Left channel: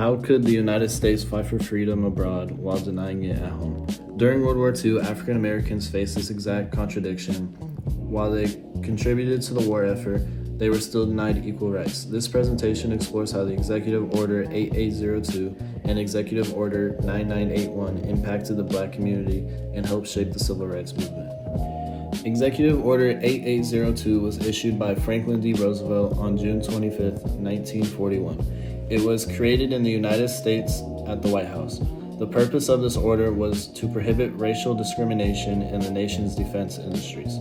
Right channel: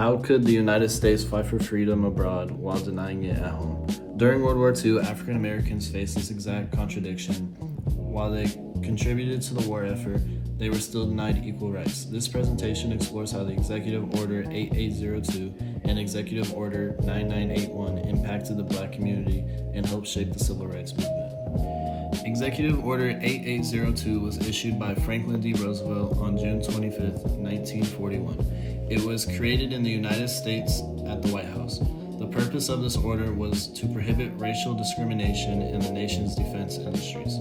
How could the United States fight for freedom abroad while denying it at home? During World War II, African Americans faced this exact contradiction. While they contributed to the war effort, they were still denied equal rights. This presentation explores how the Executive Order 8802 and Executive Order 9981 impacted the Black community and helped shape the Civil Rights Movement. Executive Order 8802 was issued by Franklin D. Roosevelt on June 25, 1941. It was created in the United States at the White House. The purpose of this order was to prohibit racial discrimination in the nation's defense industries.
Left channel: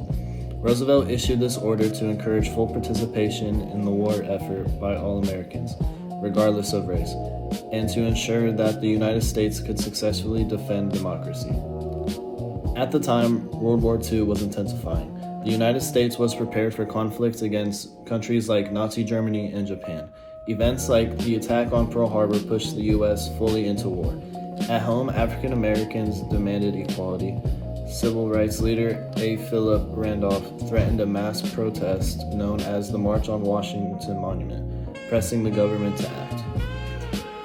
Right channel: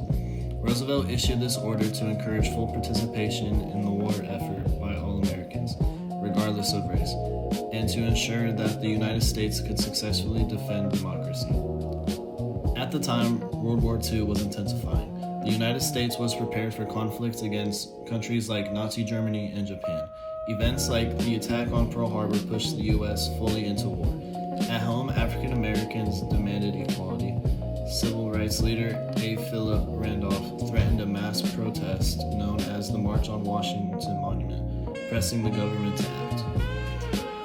Roosevelt issued this order to encourage full participation in the war effort by all Americans, regardless of race, and to ensure that the United States could successfully defend democracy. At the time, World War II was intensifying. The United States was prepared for conflict against countries like Nazi Germany and Japan. Events like the attack on Pearl Harbor pushed the U.S. fully into war. At home, African Americans demanded equality. Civil rights leader A. Philip Randolph threatened a mass protest known as the March on Washington Monument, pressing the government to act.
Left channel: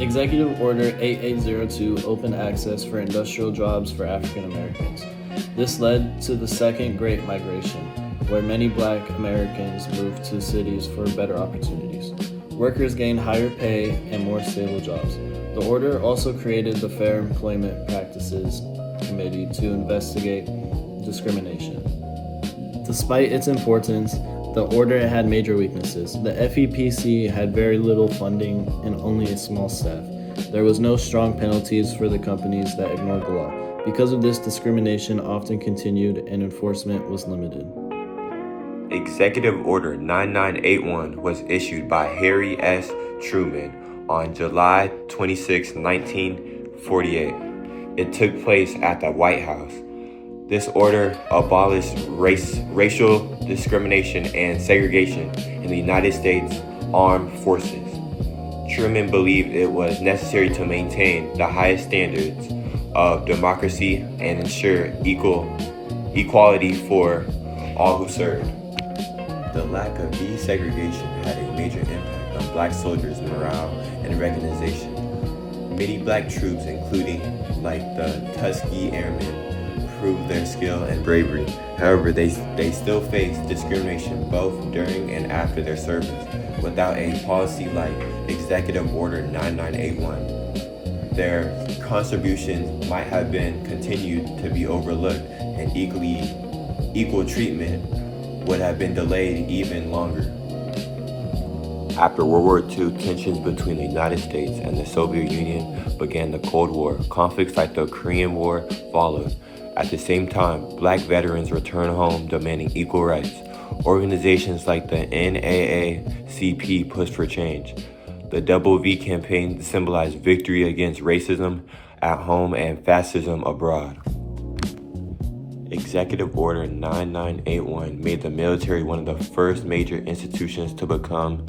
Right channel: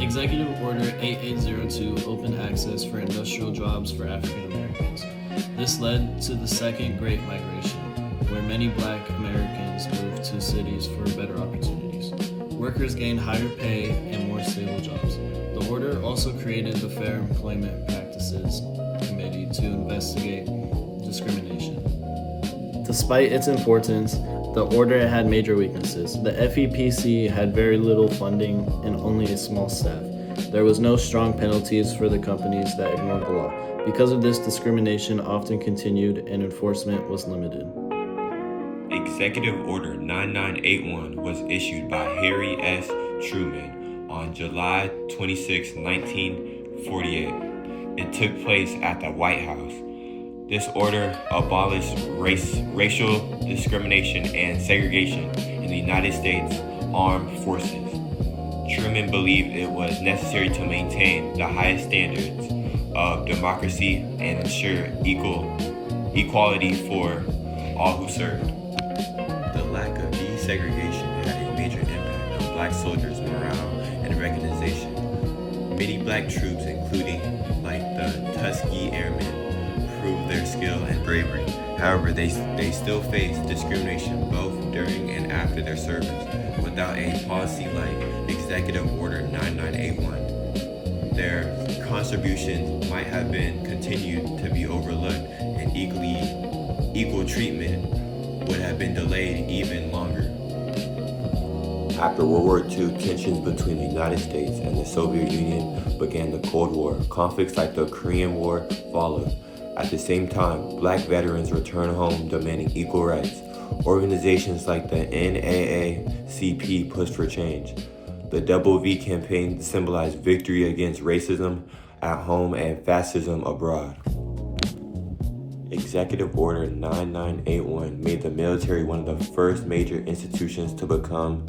Executive Order 8802 opened access for industrial jobs for African Americans. This led to the Second Great Migration, where many Black Americans moved to cities for better opportunities. Workers gained higher pay and more stable jobs. The order also created the Fair Employment Practices Committee to investigate discrimination. Despite its importance, the order had major weaknesses. The FEPC had very little funding and only a small staff. There was no strong penalties for the companies that ignored the law. Because of this, discrimination often continued and enforcement was limited. Executive Order 9981 was issued by Harry S. Truman on July 26, 1948. It took place at the White House. This order abolished racial discrimination and segregation in the United States Armed Forces. Truman believed it was necessary to maintain the highest standards of democracy and ensure equality for all who served. The lack of desegregation had a major impact on Black soldiers' morale and recognition. Many Black troops, including like the Tuskegee Airmen, proved their skill and bravery. However, they still faced discrimination both during and after their service. Without a policy like Executive Order 9981, their contributions might have been continued to be overlooked, and equal treatment would have been delayed even longer. After World War II, tensions between the United States and the Soviet Union began the Cold War. Conflicts like the Korean War followed. At the same time, Black veterans returned home demanding equal rights. Organizations like the NAACP pushed for change. The Double V campaign symbolized victory against racism at home and fascism abroad. Executive Order 9981 made the military one of the first major institutions to become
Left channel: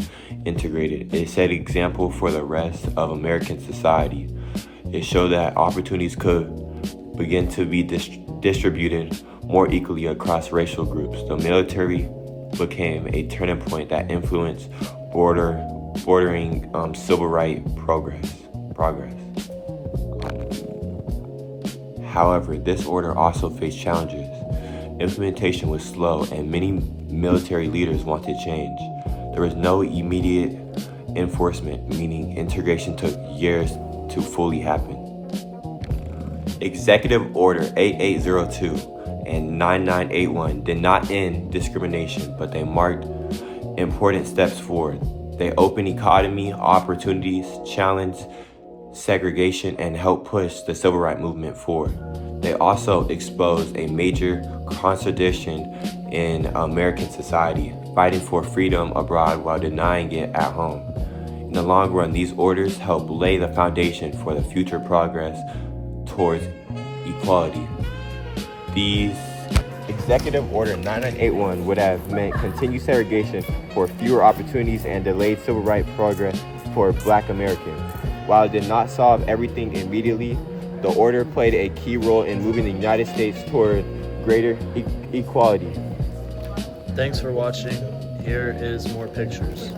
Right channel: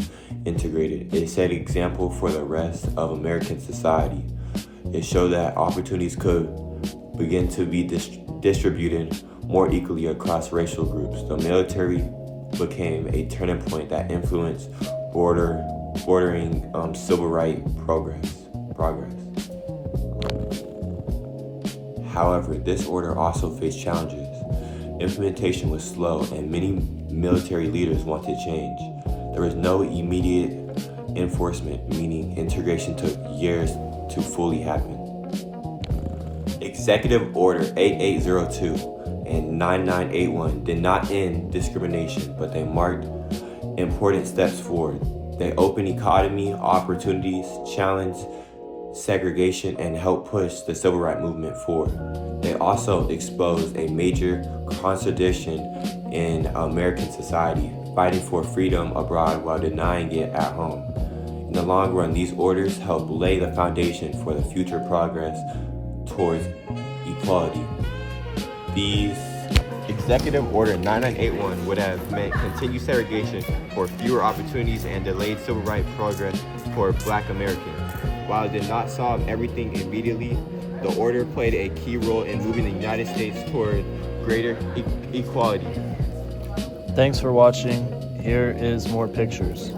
integrated. It set an example for the rest of American society. It showed that opportunities could begin to be distributed more equally across racial groups. The military became a turning point that influenced bordering civil rights progress. However, this order also faced challenges. Implementation was slow and many military leaders wanted change. There was no immediate enforcement, meaning integration took years to fully happen. Executive Order 8802 and 9981 did not end discrimination, but they marked important steps forward. They opened economy opportunities, challenged segregation, and helped push the civil rights movement forward. They also exposed a major contradiction in American society, fighting for freedom abroad while denying it at home. In the long run, these orders helped lay the foundation for the future progress towards equality. These Executive Order 9981 would have meant continued segregation for fewer opportunities and delayed civil rights progress for Black Americans. While it did not solve everything immediately, the order played a key role in moving the United States toward greater equality. Thanks for watching. Here is more pictures.